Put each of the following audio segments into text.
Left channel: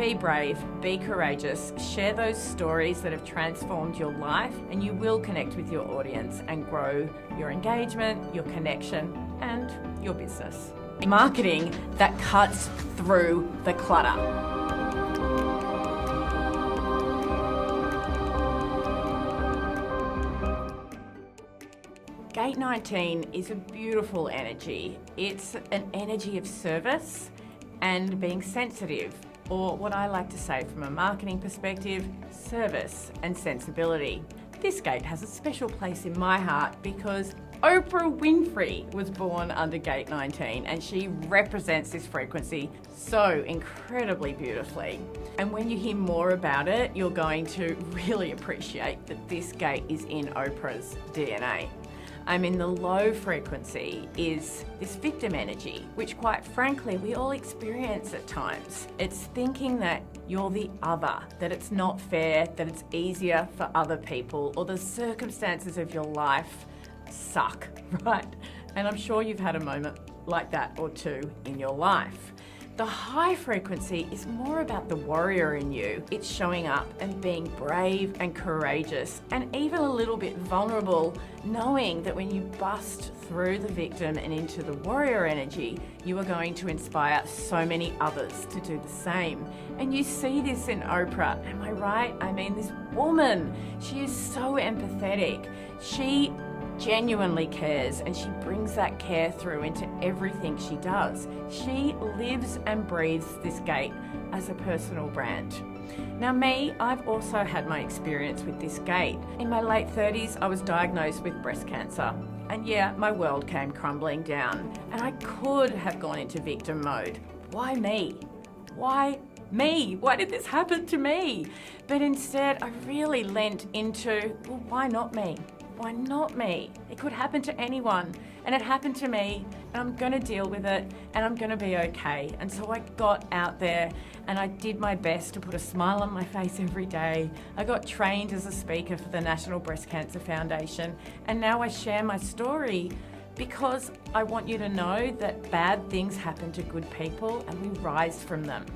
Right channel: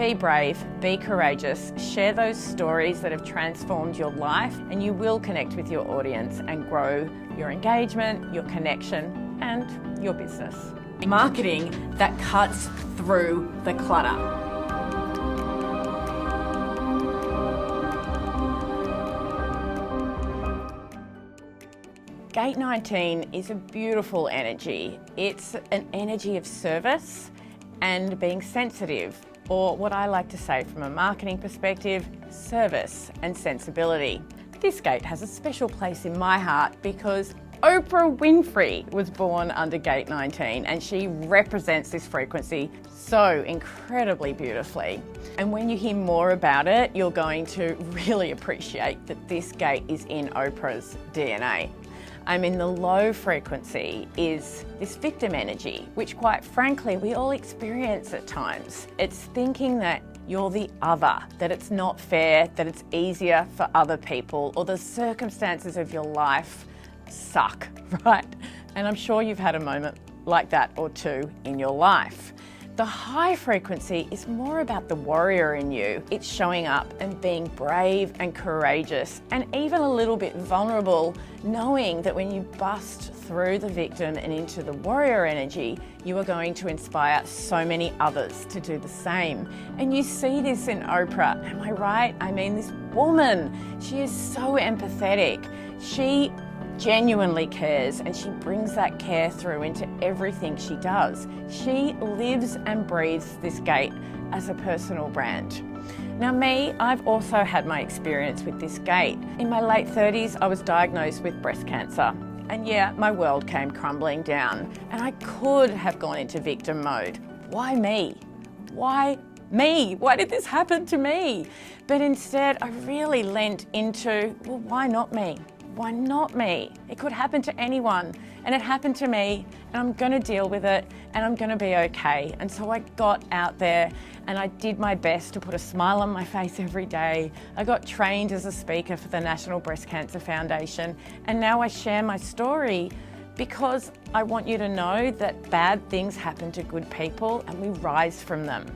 be brave, be courageous, share those stories that have transformed your life, and you will connect with your audience and grow your engagement, your connection, and your business. Marketing that cuts through the clutter. Gate 19 is a beautiful energy. It's an energy of service and being sensitive, or what I like to say from a marketing perspective, service and sensibility. This gate has a special place in my heart because Oprah Winfrey was born under Gate 19 and she represents this frequency so incredibly beautifully. And when you hear more about it, you're going to really appreciate that this gate is in Oprah's DNA. The low frequency is this victim energy, which quite frankly, we all experience at times. It's thinking that you're the other, that it's not fair, that it's easier for other people, or the circumstances of your life suck, right? And I'm sure you've had a moment like that or two in your life. The high frequency is more about the warrior in you. It's showing up and being brave and courageous and even a little bit vulnerable, knowing that when you bust through the victim and into the warrior energy, you are going to inspire so many others to do the same. And you see this in Oprah, am I right? This woman, she is so empathetic. She genuinely cares and she brings that care through into everything she does. She lives and breathes this gate as a personal brand. Now me, I've also had my experience with this gate. In my late 30s, I was diagnosed with breast cancer. And yeah, my world came crumbling down and I could have gone into victim mode. Why me? Why me? Why did this happen to me? But instead, I really leant into, well, why not me? Why not me? It could happen to anyone, and it happened to me, and I'm going to deal with it, and I'm going to be okay. And so I got out there and I did my best to put a smile on my face every day. I got trained as a speaker for the National Breast Cancer Foundation, and now I share my story because I want you to know that bad things happen to good people and we rise from them.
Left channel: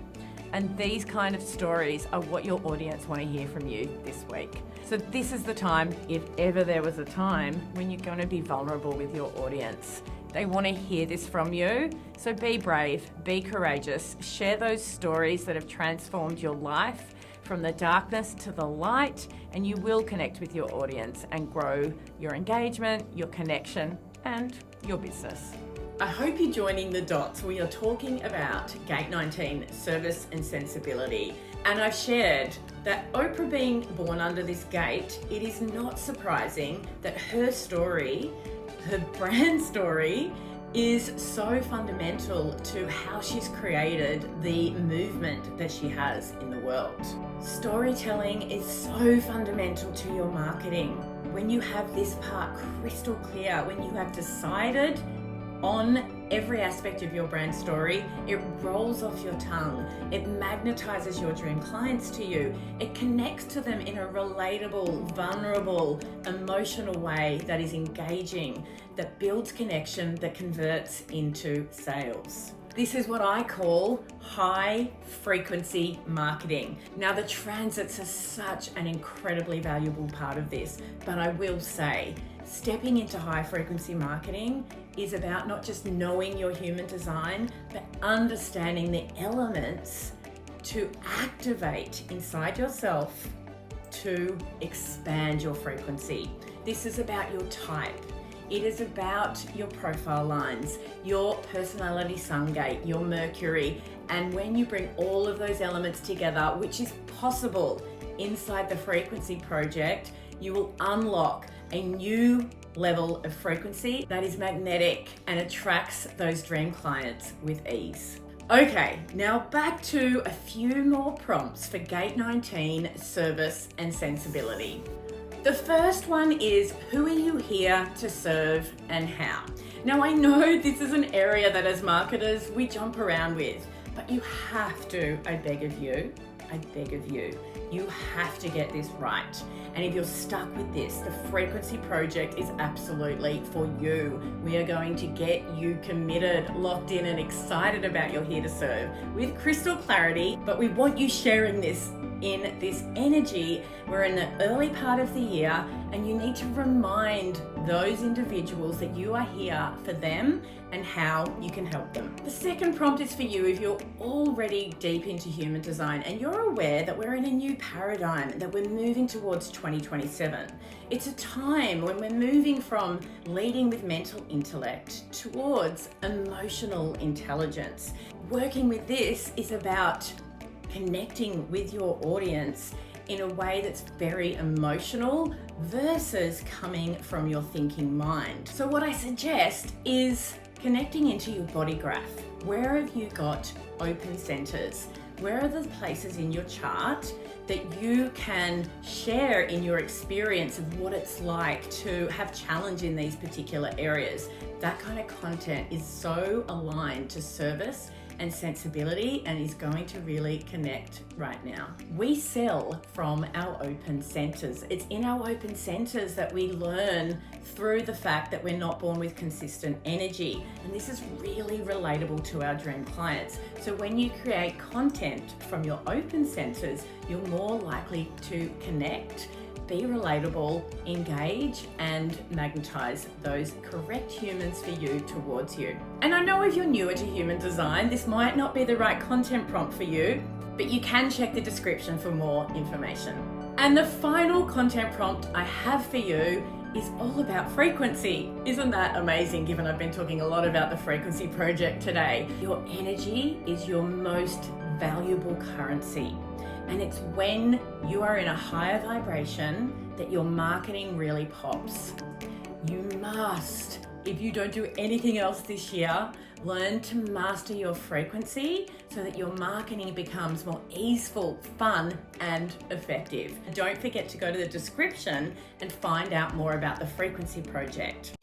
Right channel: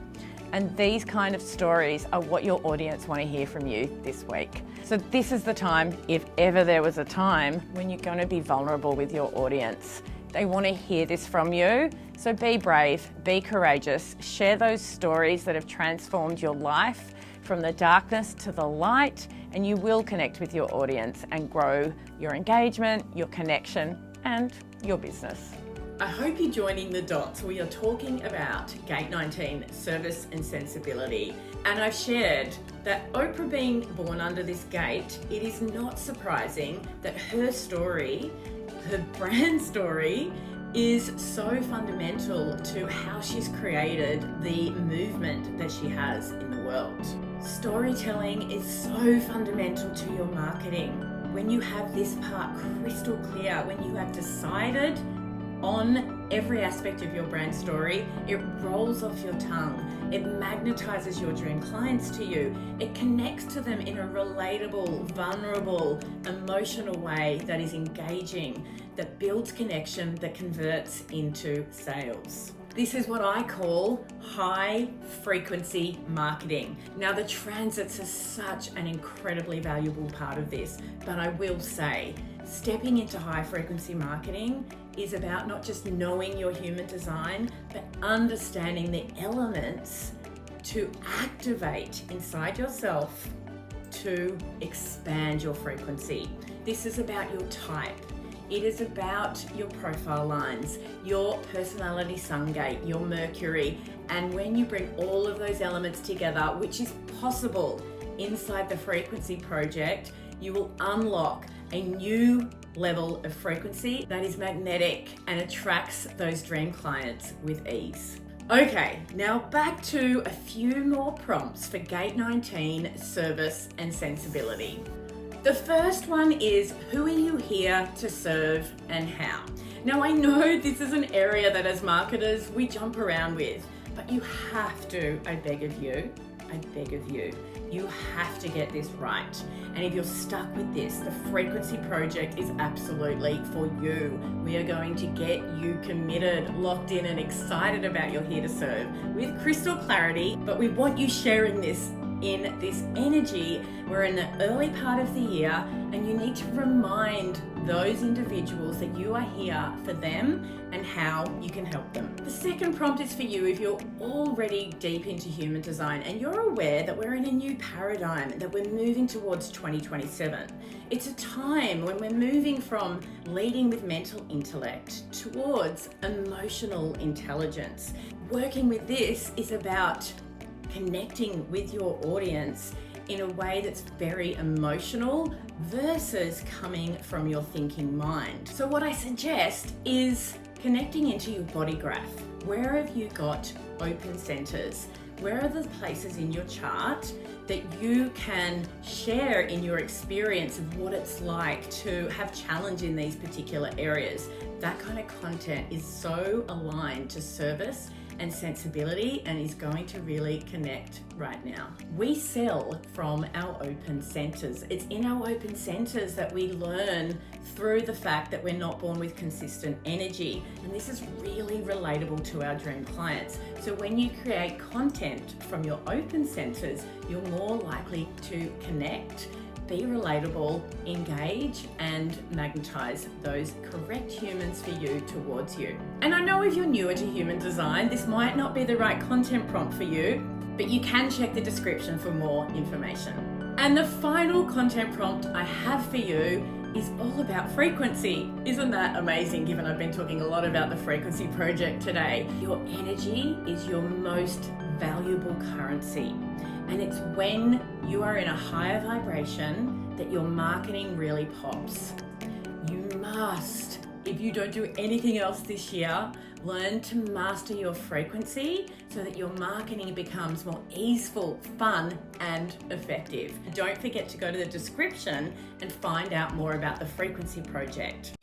And these kind of stories are what your audience want to hear from you this week. So this is the time, if ever there was a time, when you're going to be vulnerable with your audience. They want to hear this from you. So be brave, be courageous, share those stories that have transformed your life from the darkness to the light, and you will connect with your audience and grow your engagement, your connection, and your business. I hope you're joining the dots. We are talking about Gate 19, service and sensibility. And I've shared that Oprah being born under this gate, it is not surprising that her story, her brand story, is so fundamental to how she's created the movement that she has in the world. Storytelling is so fundamental to your marketing. When you have this part crystal clear, when you have decided on every aspect of your brand story, it rolls off your tongue. It magnetizes your dream clients to you. It connects to them in a relatable, vulnerable, emotional way that is engaging, that builds connection, that converts into sales. This is what I call high frequency marketing. Now, the transits are such an incredibly valuable part of this, but I will say, stepping into high frequency marketing is about not just knowing your human design, but understanding the elements to activate inside yourself to expand your frequency. This is about your type. It is about your profile lines, your personality sun gate, your Mercury. And when you bring all of those elements together, which is possible inside the frequency project, you will unlock a new level of frequency that is magnetic and attracts those dream clients with ease. Okay, now back to a few more prompts for Gate 19, service and sensibility. The first one is, who are you here to serve and how? Now, I know this is an area that as marketers we jump around with, but you have to, I beg of you, I beg of you, you have to get this right. And if you're stuck with this, the frequency project is absolutely for you. We are going to get you committed, locked in, and excited about your Here to Serve with crystal clarity. But we want you sharing this in this energy. We're in the early part of the year, and you need to remind those individuals that you are here for them and how you can help them. The second prompt is for you if you're already deep into human design and you're aware that we're in a new paradigm, that we're moving towards 2027. It's a time when we're moving from leading with mental intellect towards emotional intelligence. Working with this is about connecting with your audience in a way that's very emotional versus coming from your thinking mind. So what I suggest is connecting into your body graph. Where have you got open centers? Where are the places in your chart that you can share in your experience of what it's like to have challenge in these particular areas? That kind of content is so aligned to service and sensibility and is going to really connect right now. We sell from our open centers. It's in our open centers that we learn through the fact that we're not born with consistent energy. And this is really relatable to our dream clients. So when you create content from your open centers, you're more likely to connect, be relatable, engage, and magnetize those correct humans for you towards you. And I know if you're newer to human design, this might not be the right content prompt for you, but you can check the description for more information. And the final content prompt I have for you is all about frequency. Isn't that amazing, given I've been talking a lot about the frequency project today? Your energy is your most valuable currency. And it's when you are in a higher vibration that your marketing really pops. You must, if you don't do anything else this year, learn to master your frequency so that your marketing becomes more easeful, fun, and effective. Don't forget to go to the description and find out more about the frequency project.